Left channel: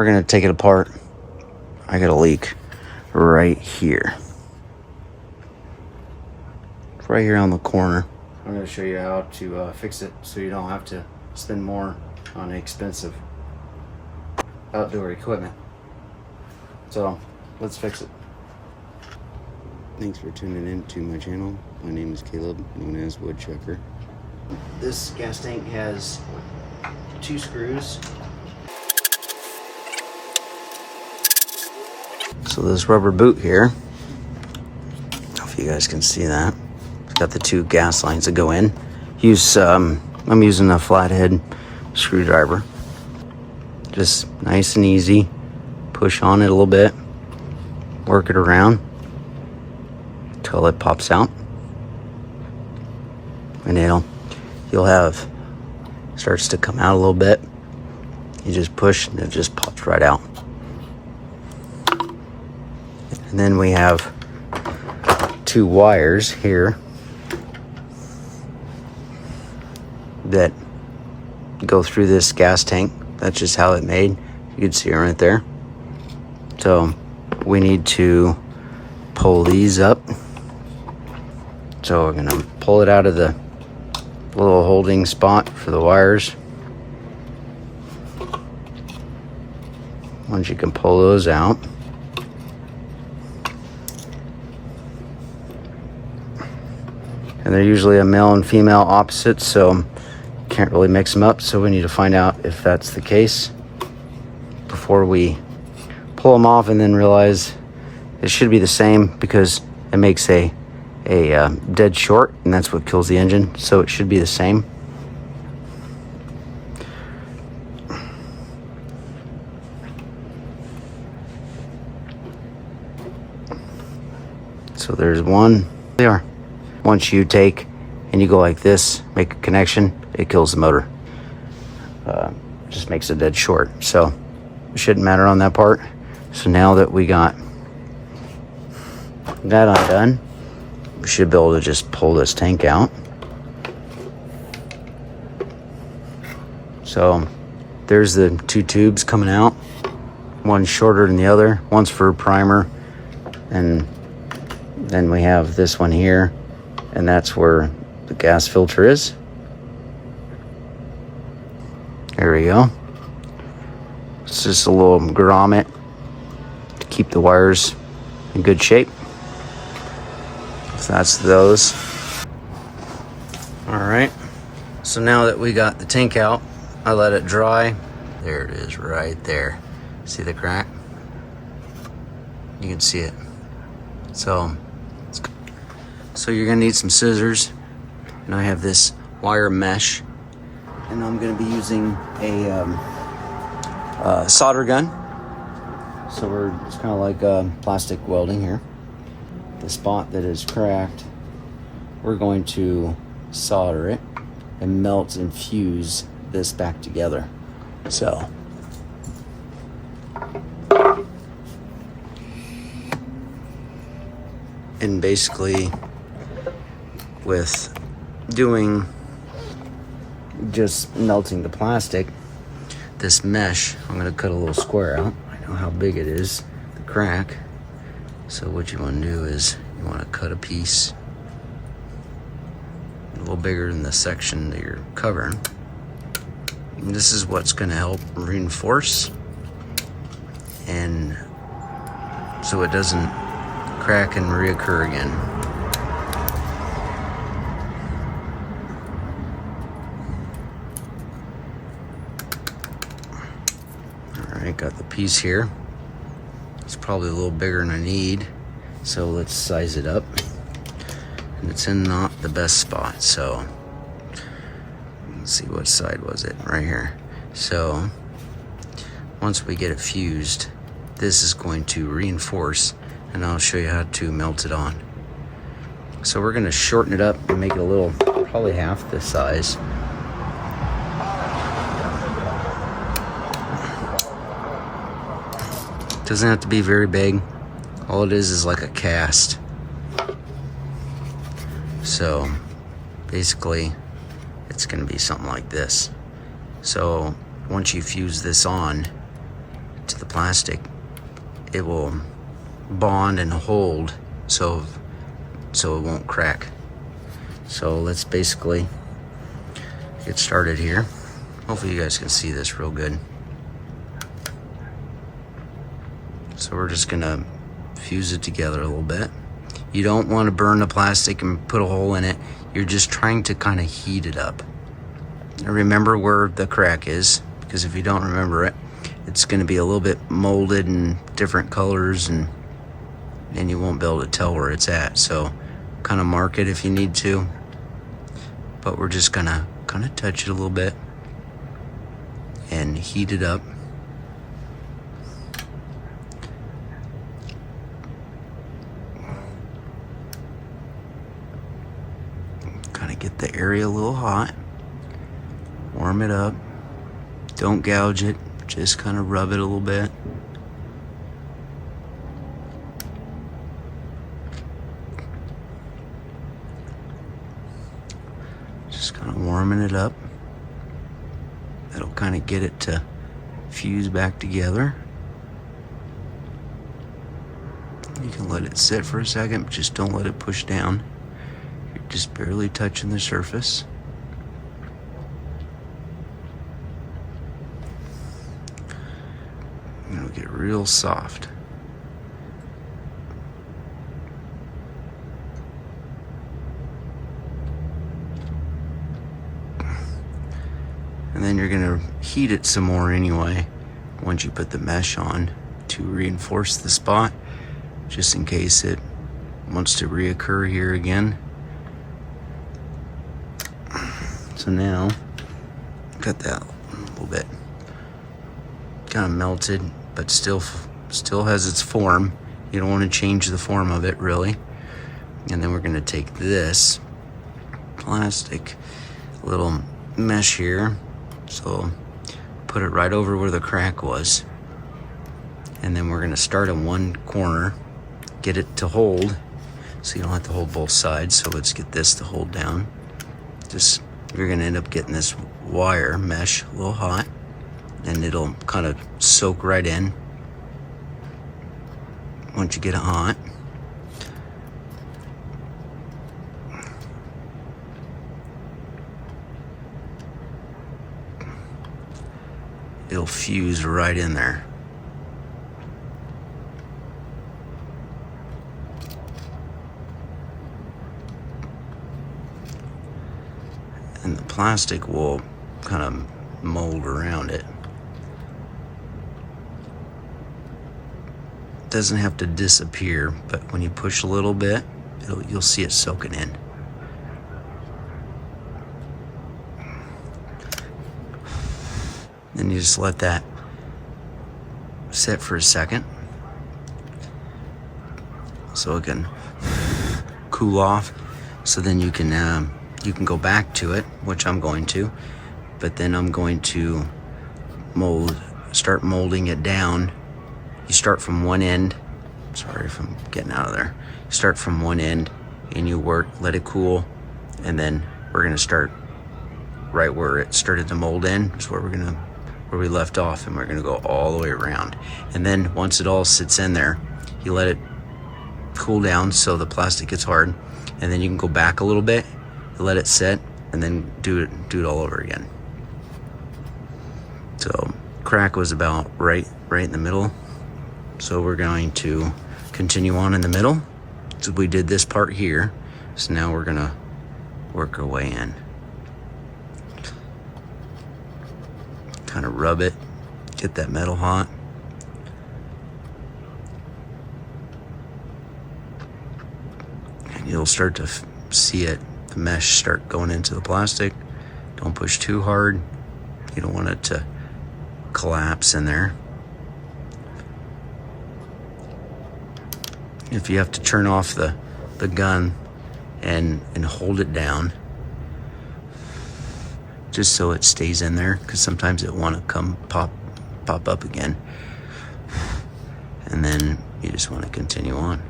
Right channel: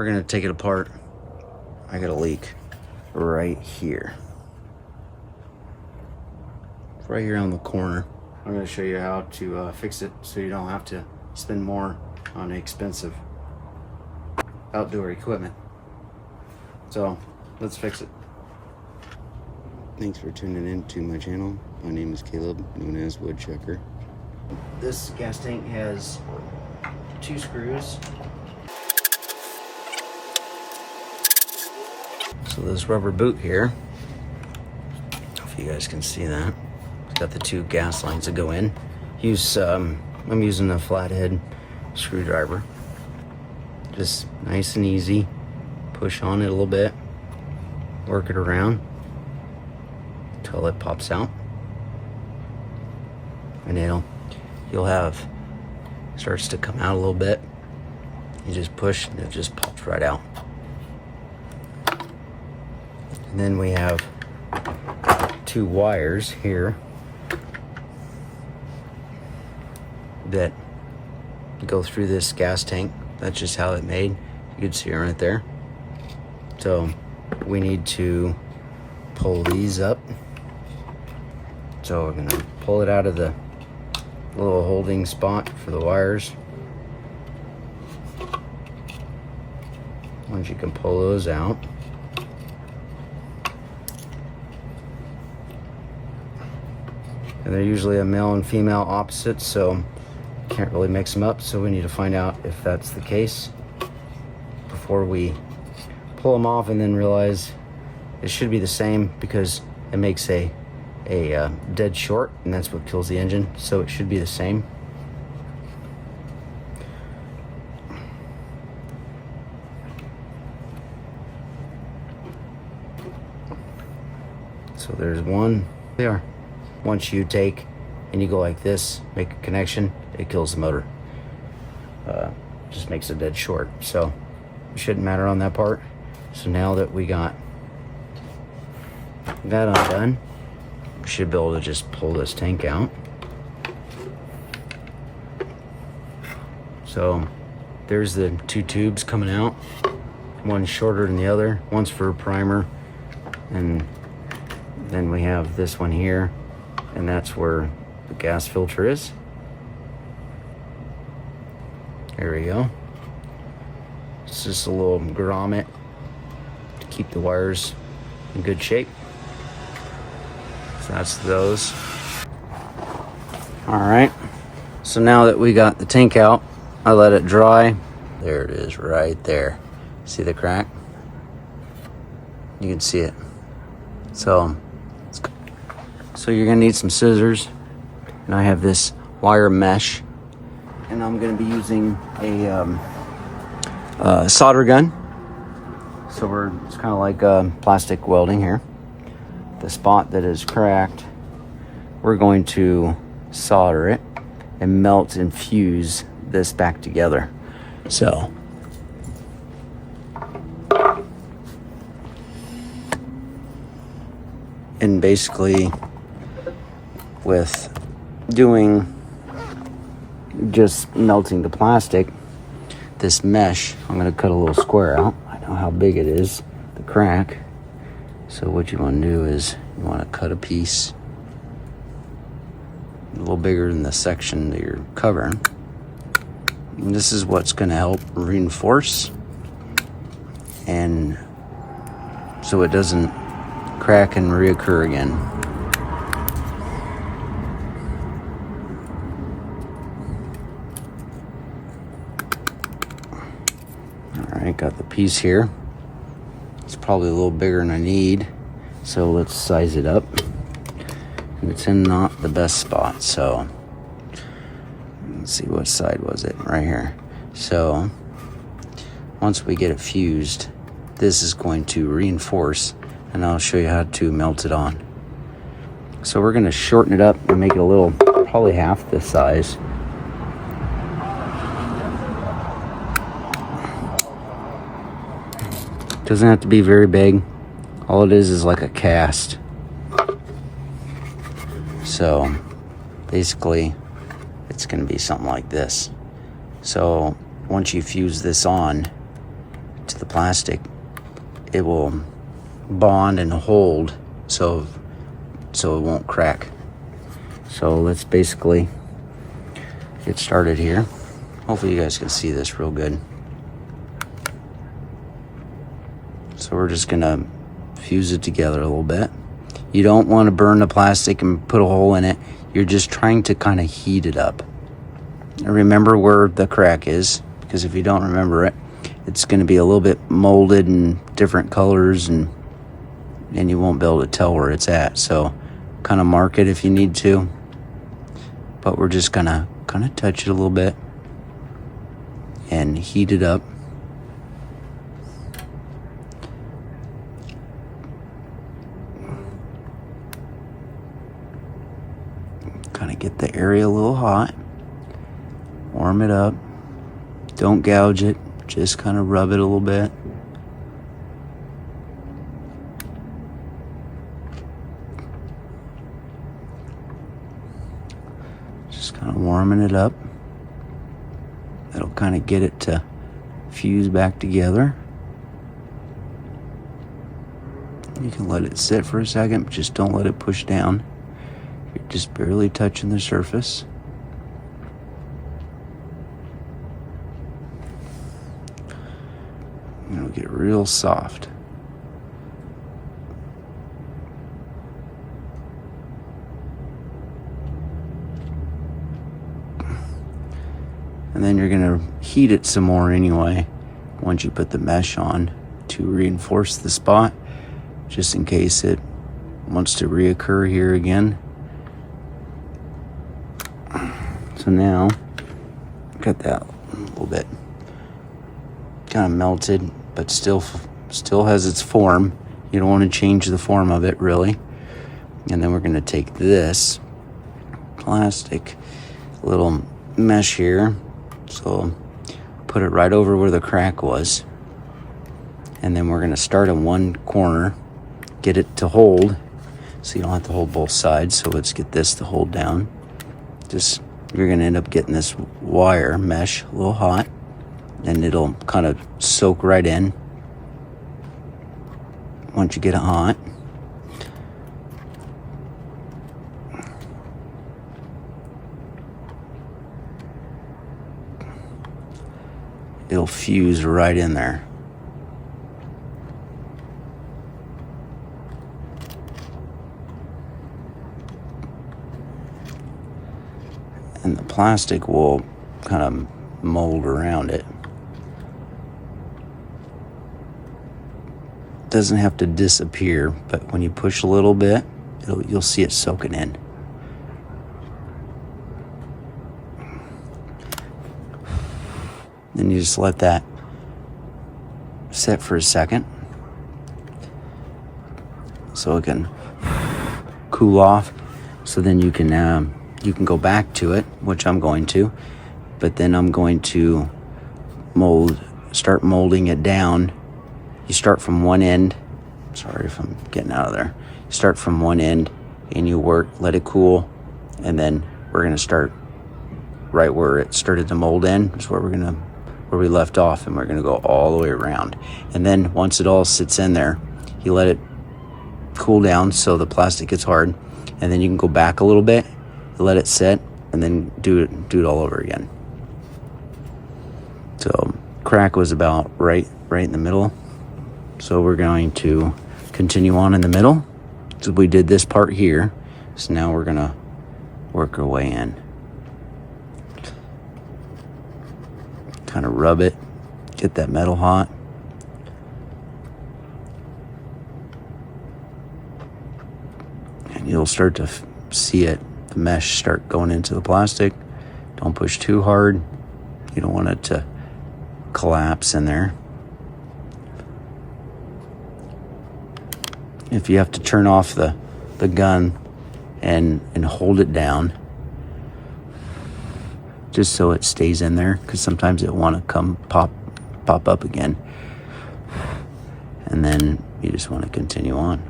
we're gonna take it apart. I got a leak right here. It's right here on the corner. I'm gonna show you how to fix it so you don't have to spend more on expensive outdoor equipment. So let's fix it. Thanks for tuning in to my channel. My name is Caleb, known as Woodchucker. This gas tank has 2 screws. So this rubber boot here, I don't know if you guys can see that. It's got the 2 gas lines that go in. I'm using a flathead screwdriver. Just nice and easy. Push on it a little bit. Work it around until it pops out. And you'll have, starts to come out a little bit. You just push and it just pops right out. And then we have 2 wires here that go through this gas tank. That's just how it made. You can see it right there. So we need to pull these up. So we're gonna pull it out of the little holding spot for the wires. Once you can pull those out, and they're usually a male and female opposite, so can't really mix them up. So we need to find out if that's the case before we pull them off, and then realize it should be the same because it makes a dead short, and that's what kills the engine. So it should be the same. So there's one. They are. Once you take and you go like this, make a connection, it kills the motor. Just makes a dead short. So it shouldn't matter on that part. So now that we got that undone, we should be able to just pull this tank out. So there's the 2 tubes coming out. One's shorter than the other. One's for primer, and then we have this one here, and that's where the gas filter is. There we go. It's just a little grommet to keep the wires in good shape. So that's those. All right. So now that we got the tank out, I let it dry. There it is right there. See the crack? You can see it. So you're gonna need some scissors. And I have this wire mesh. And I'm gonna be using a solder gun. So it's kind of like plastic welding here. The spot that is cracked, we're going to solder it and melt and fuse this back together. So and basically with doing just melting the plastic, this mesh, I'm going to cut a little square out. I know how big it is, the crack. So what you want to do is you want to cut a piece a little bigger than the section that you're covering. And this is what's going to help reinforce, and so it doesn't crack and reoccur again. Alright, got the piece here. It's probably a little bigger than I need, so let's size it up. It's in not the best spot, so let's see, what side was it? Right here. So once we get it fused, this is going to reinforce, and I'll show you how to melt it on. So we're going to shorten it up and make it a little, probably half this size. Doesn't have to be very big. All it is like a cast. So basically it's going to be something like this. So once you fuse this on to the plastic, it will bond and hold so it won't crack. So let's basically get started here. Hopefully you guys can see this real good. So we're just gonna fuse it together a little bit. You don't want to burn the plastic and put a hole in it. You're just trying to kind of heat it up. And remember where the crack is, because if you don't remember it, it's going to be a little bit molded in different colors, and you won't be able to tell where it's at. So kind of mark it if you need to, but we're just gonna kind of touch it a little bit and heat it up. Kind of get the area a little hot, warm it up, don't gouge it, just kind of rub it a little bit. Just kind of warming it up. That'll kind of get it to fuse back together. You can let it sit for a second, but just don't let it push down. You're just barely touching the surface. And it'll get real soft. And then you're gonna heat it some more anyway once you put the mesh on to reinforce the spot, just in case it wants to reoccur here again. So now, got that a little bit kind of melted, but still has its form. You don't want to change the form of it really. And then we're going to take this plastic little mesh here, so put it right over where the crack was, and then we're going to start in one corner, get it to hold, so you don't have to hold both sides. So let's get this to hold down. You're going to end up getting this wire mesh a little hot, and it'll kind of soak right in once you get it hot. It'll fuse right in there. And the plastic will kind of mold around it. It doesn't have to disappear, but when you push a little bit, you'll see it soaking in. Then you just let that sit for a second so it can cool off. So then you can go back to it, which I'm going to, but then I'm going to start molding it down. You start from one end. Sorry if I'm getting out of there. Start from one end, then you work, let it cool, and then we're gonna start right where it started to mold in. Is where we left off, and we're gonna go all the way around. And then once it all sits in there, you let it cool down so the plastic gets hard, and then you can go back a little bit, let it sit, and then do it all over again. So crack was about right in the middle. So we're going to continue on in the middle. So we did this part here. So now we're gonna work our way in. Kind of rub it, get that metal hot. And you'll start to see it, the mesh start going into the plastic. Don't push too hard. You don't want it to collapse in there. If you have to turn off the gun and hold it down, just so it stays in there, because sometimes it want to come pop up again. And then you just want to continue on.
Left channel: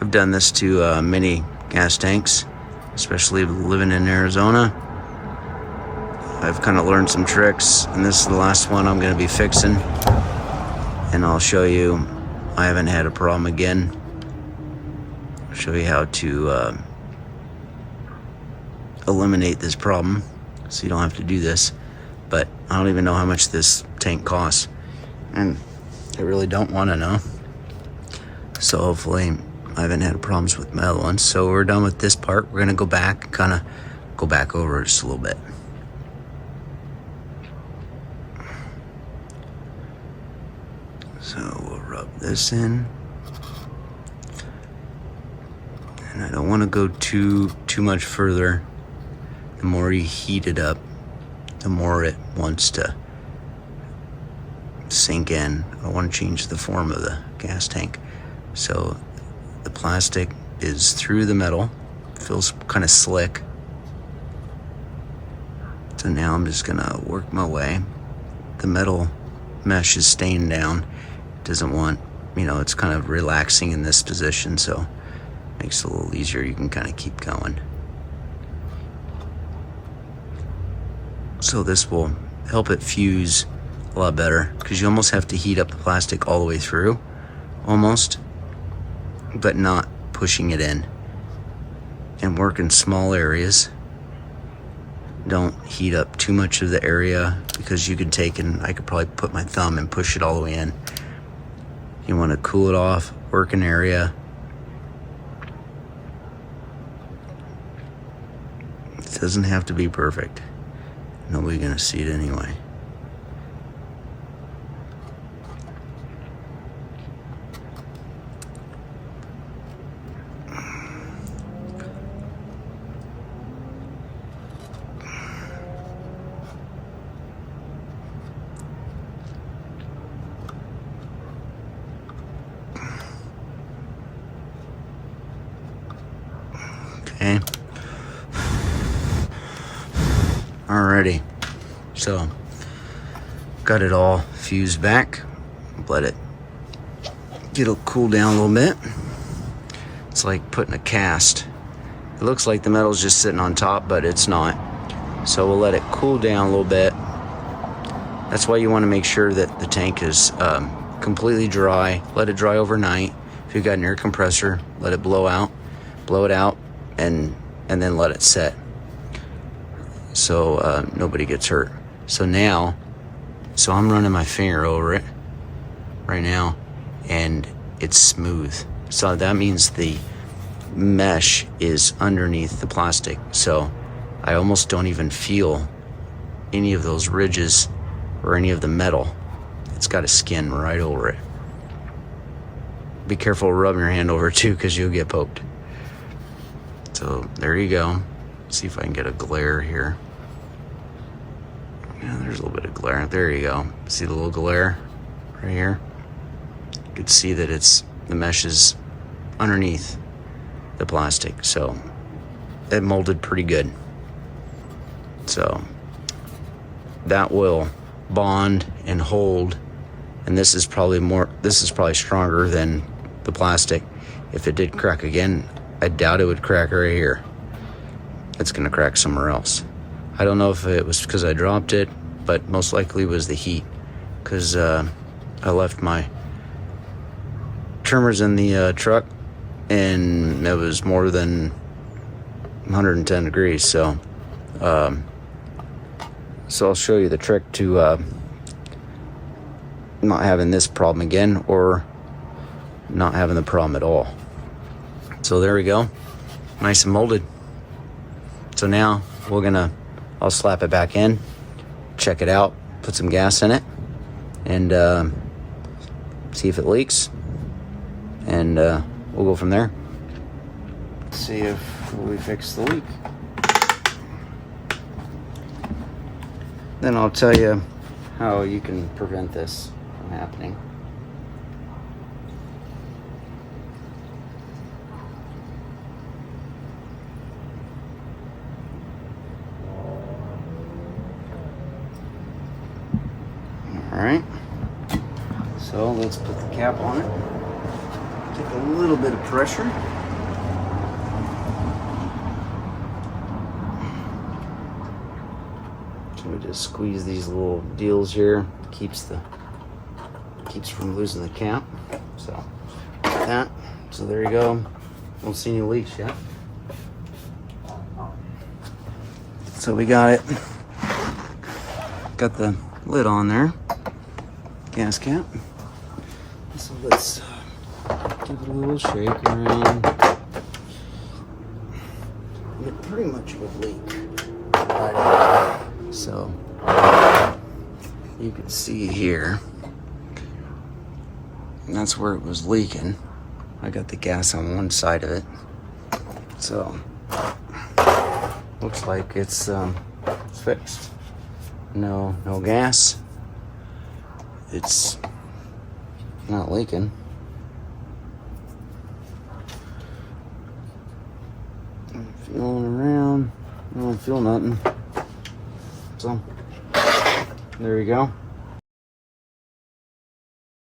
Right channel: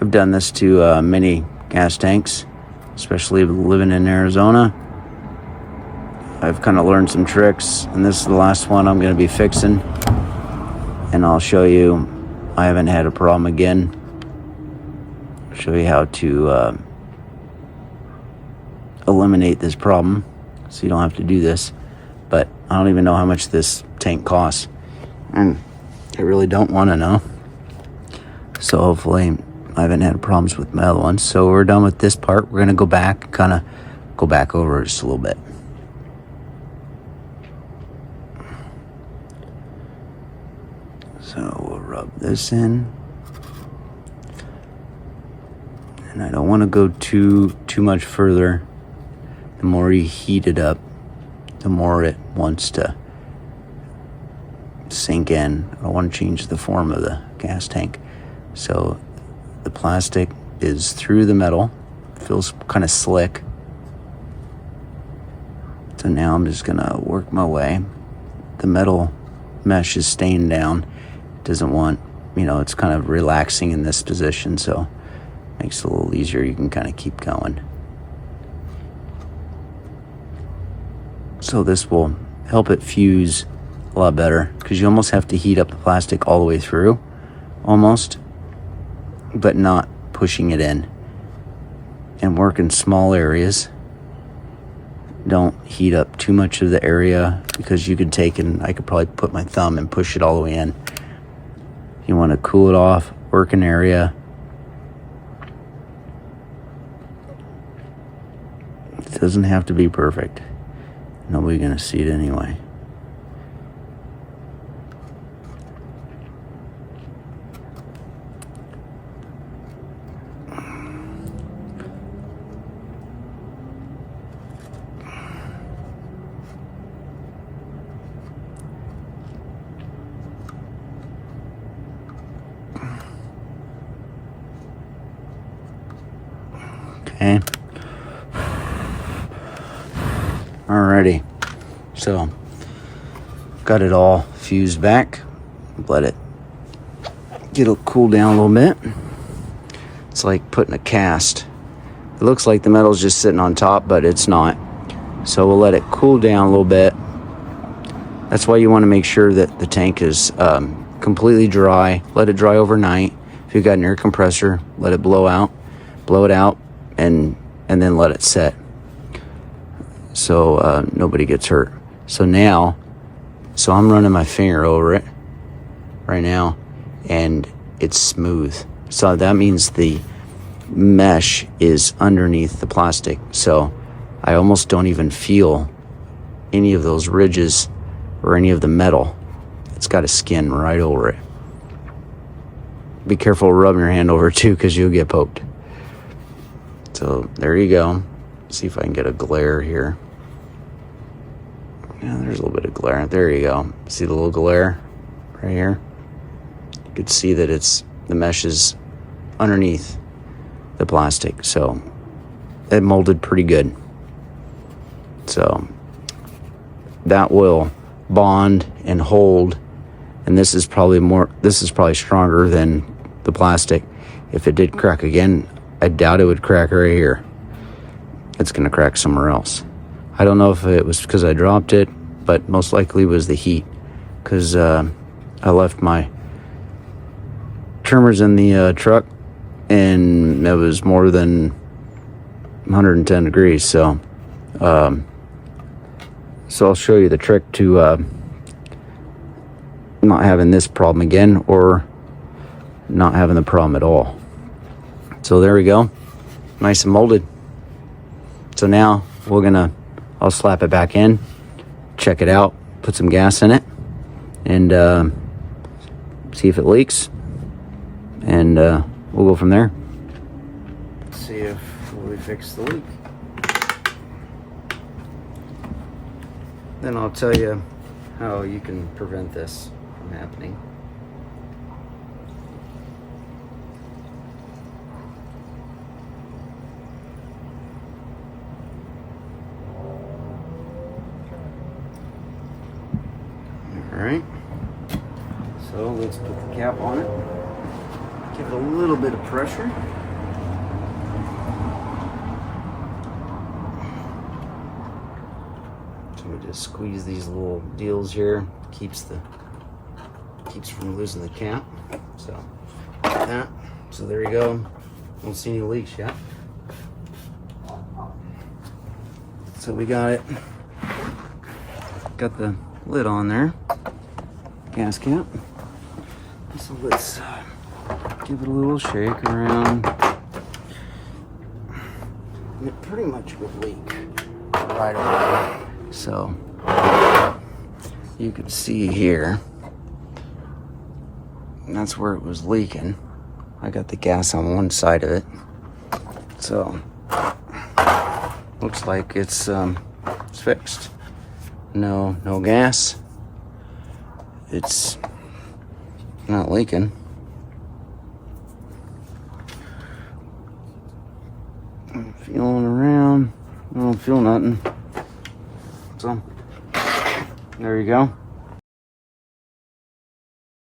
I've done this to many gas tanks, especially living in Arizona. I've kind of learned some tricks, and this is the last one I'm going to be fixing, and I'll show you I haven't had a problem again. I'll show you how to eliminate this problem so you don't have to do this. But I don't even know how much this tank costs, and I really don't want to know. So hopefully I haven't had problems with my other ones. So we're done with this part. We're going to go back, kind of go back over just a little bit. So we'll rub this in. And I don't want to go too much further. The more you heat it up, the more it wants to sink in. I want to change the form of the gas tank. So the plastic is through the metal, feels kind of slick. So now I'm just gonna work my way. The metal mesh is staying down. Doesn't want, it's kind of relaxing in this position, so makes it a little easier. You can kind of keep going. So this will help it fuse a lot better, because you almost have to heat up the plastic all the way through, almost, but not pushing it in. And work in small areas. Don't heat up too much of the area, because you could I could probably put my thumb and push it all the way in. You want to cool it off, work an area. It doesn't have to be perfect. Nobody's gonna see it anyway. Okay. Alrighty. So, got it all fused back. Let it cool down a little bit. It's like putting a cast. It looks like the metal's just sitting on top, but it's not. So we'll let it cool down a little bit. That's why you want to make sure that the tank is completely dry. Let it dry overnight. If you've got an air compressor, let it blow it out, and then let it set, so nobody gets hurt. So I'm running my finger over it right now, and it's smooth. So that means the mesh is underneath the plastic. So I almost don't even feel any of those ridges or any of the metal. It's got a skin right over it. Be careful rubbing your hand over it too, because you'll get poked. So there you go. See if I can get a glare here. Yeah, there's a little bit of glare. There you go. See the little glare right here? You can see that the mesh is underneath the plastic. So it molded pretty good. So that will bond and hold. And this is probably stronger than the plastic. If it did crack again, I doubt it would crack right here. It's gonna crack somewhere else. I don't know if it was because I dropped it, but most likely it was the heat, because I left my trimmers in the truck, and it was more than 110 degrees. So I'll show you the trick to not having this problem again, or not having the problem at all. So there we go, nice and molded. So now I'll slap it back in, check it out, put some gas in it, and see if it leaks, and we'll go from there. See if we fix the leak. Then I'll tell you how you can prevent this from happening. Alright, so let's put the cap on it. Take a little bit of pressure. So we just squeeze these little deals here. Keeps from losing the cap. So like that. So there you go. Don't see any leaks yet. So we got it. Got the lid on there. Gas cap. So let's give it a little shake around. It pretty much would leak right away. So you can see here, and that's where it was leaking. I got the gas on one side of it. So looks like it's fixed. No gas. It's not leaking. I'm feeling around. I don't feel nothing. So there you go.